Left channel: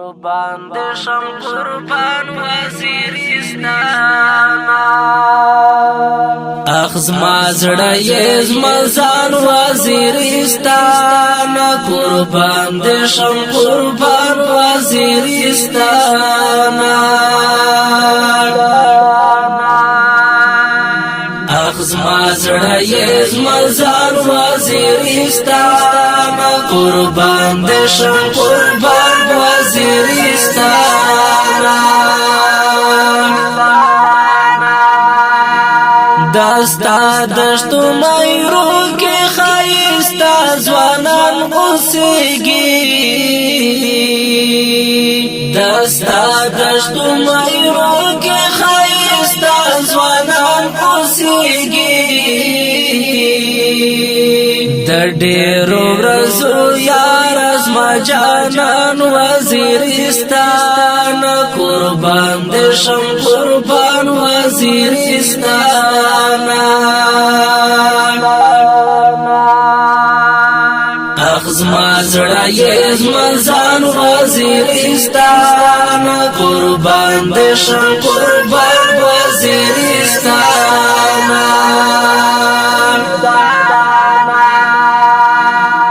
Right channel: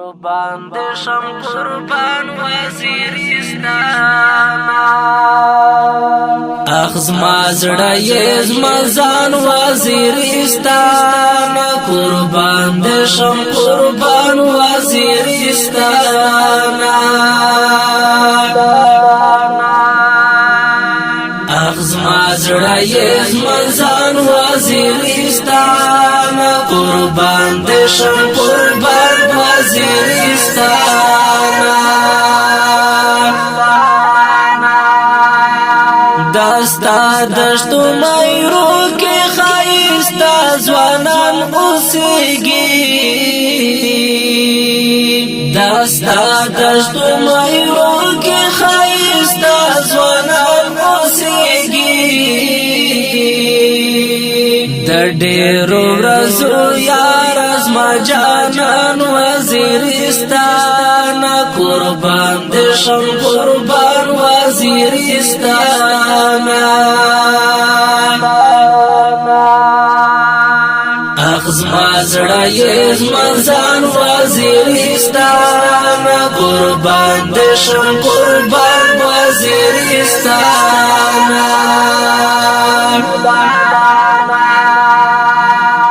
قربان دې شم قربان وزیرستان اخ زما زړه یې زما ځان وزیرستان قربان دې شم قربان وزیرستان اخ زما زړه یې زما ځان وزیرستان قربان دې شم قربان وزیرستان دستا دشتو مایرو کې خایستا ځوانان اوسېږي دستا دشتو مایرو کې خایستا ځوانان اوسېږي د ډېرو ورځو یار زما جانان وزیرستان قربان دې شم قربان وزیرستان اخ زما زړه یې زما ځان وزیرستان قربان دې شم قربان وزیرستان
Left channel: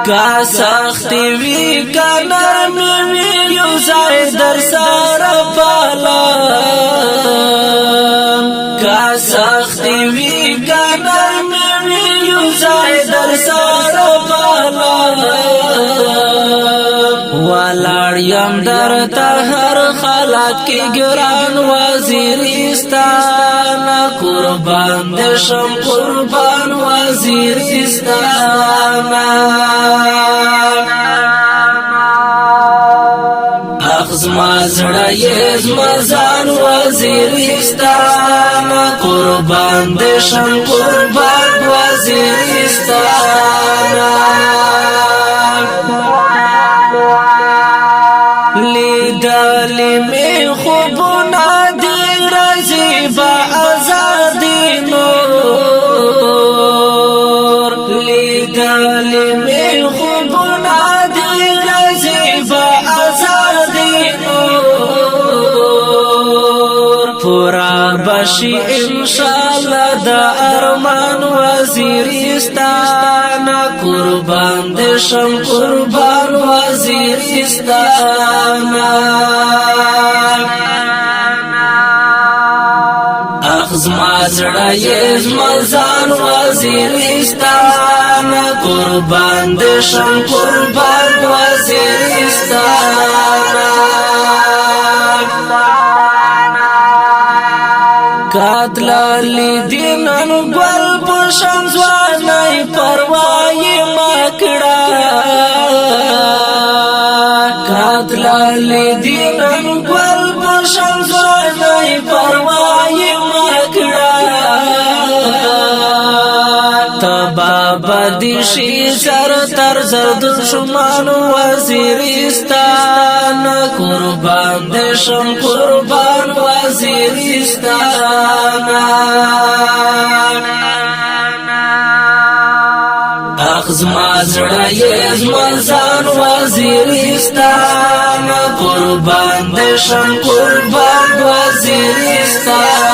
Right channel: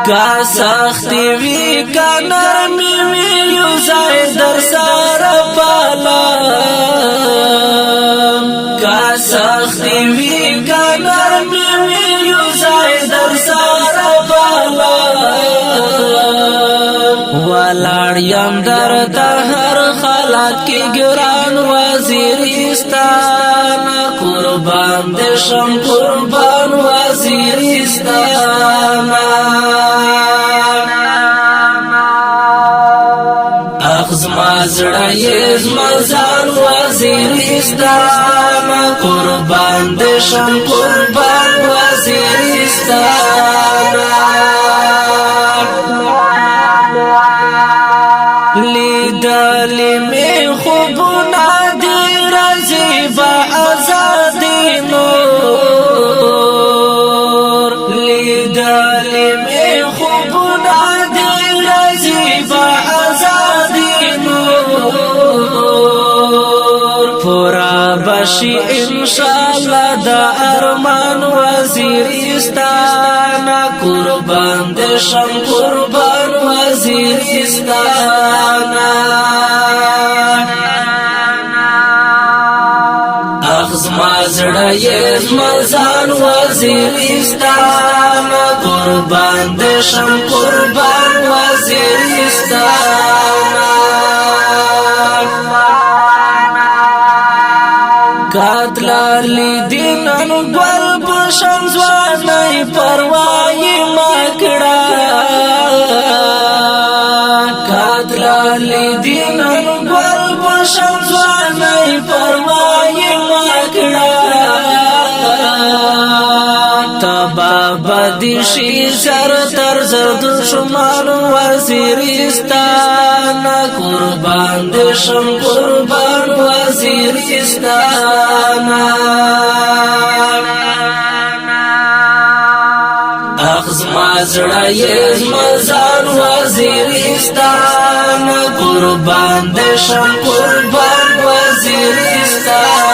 کا سختی وی کا نرمی وی یو ځای در سره پالم کا سختی وی کا نرمی وی یو ځای در سره پالم ولاړ یم درته هر حالت کې ګران وزیرستان قربان دې شم قربان وزیرستان اخ زما زړه یې زما ځان وزیرستان قربان دې شم قربان وزیرستان لیدلې مې خوبونه دي راځي به ازادي نور لیدلې مې خوبونه دي راځي به ازادي نور پورا بشي انشاءالله د ارمان وزیرستان قربان دې شم قربان وزیرستان اخ زما زړه یې زما ځان وزیرستان قربان دې شم قربان وزیرستان کاتلالی دینن گل پشن زوانای پروائی مکڑا کاتلالی دینن گل پشن زوانای پروائی مکڑا تبا بدشی سر تر زرد شمان وزیرستان قربان دې شم قربان وزیرستان اخ زما زړه یې زما ځان وزیرستان قربان دې شم قربان وزیرستان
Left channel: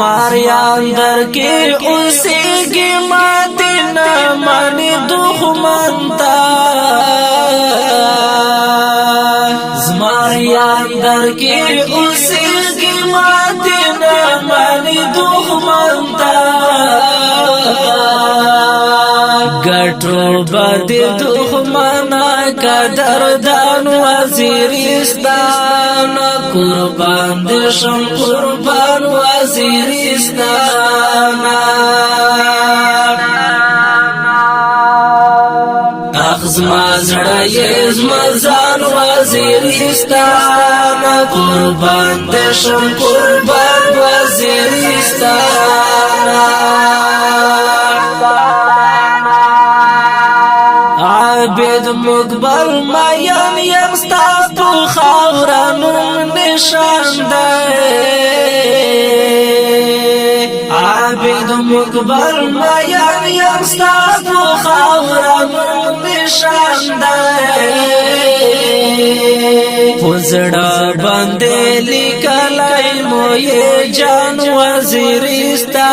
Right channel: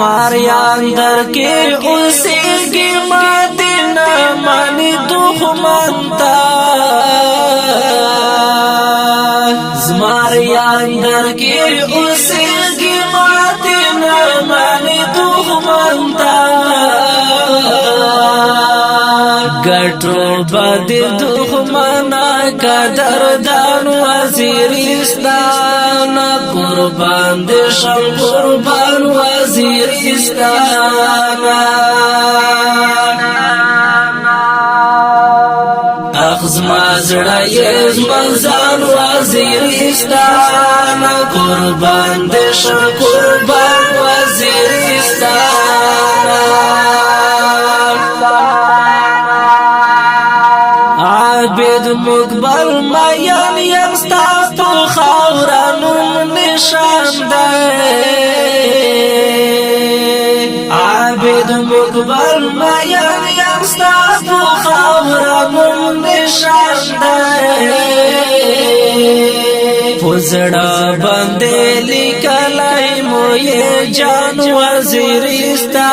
زماریان در کې اوسېږي ماتې نه مانی دښمنتا زماریان در کې اوسېږي ماتې نه مانی دښمنتا ګټو بد دښمنا قدردان وزیرستان قربان دې شم قربان وزیرستان اخ زما زړه یې زما ځان وزیرستان قربان دې شم قربان وزیرستان عابد مقبل مین یم ستا په خاوره نوم نشان دی عابد مقبل اکبر میان یم ستا په خاوره نوم نشان دی پزړه باندې لیکلی مو یې جان وزیرستان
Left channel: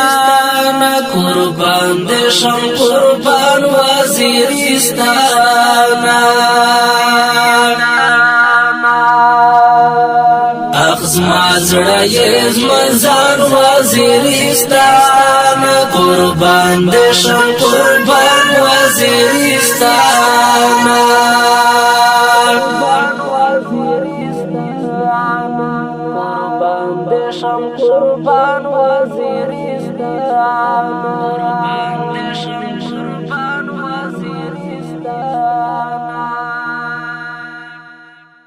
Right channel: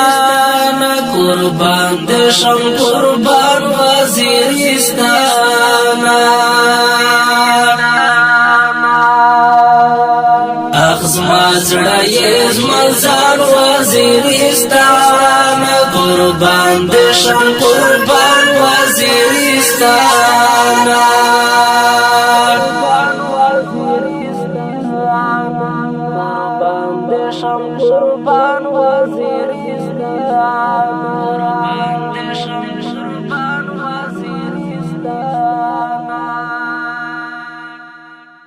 قربان دې شم قربان وزیرستان زما زړه یې زما ځان وزیرستان قربان دې شم قربان وزیرستان قربان دې شم قربان وزیرستان قربان دې شم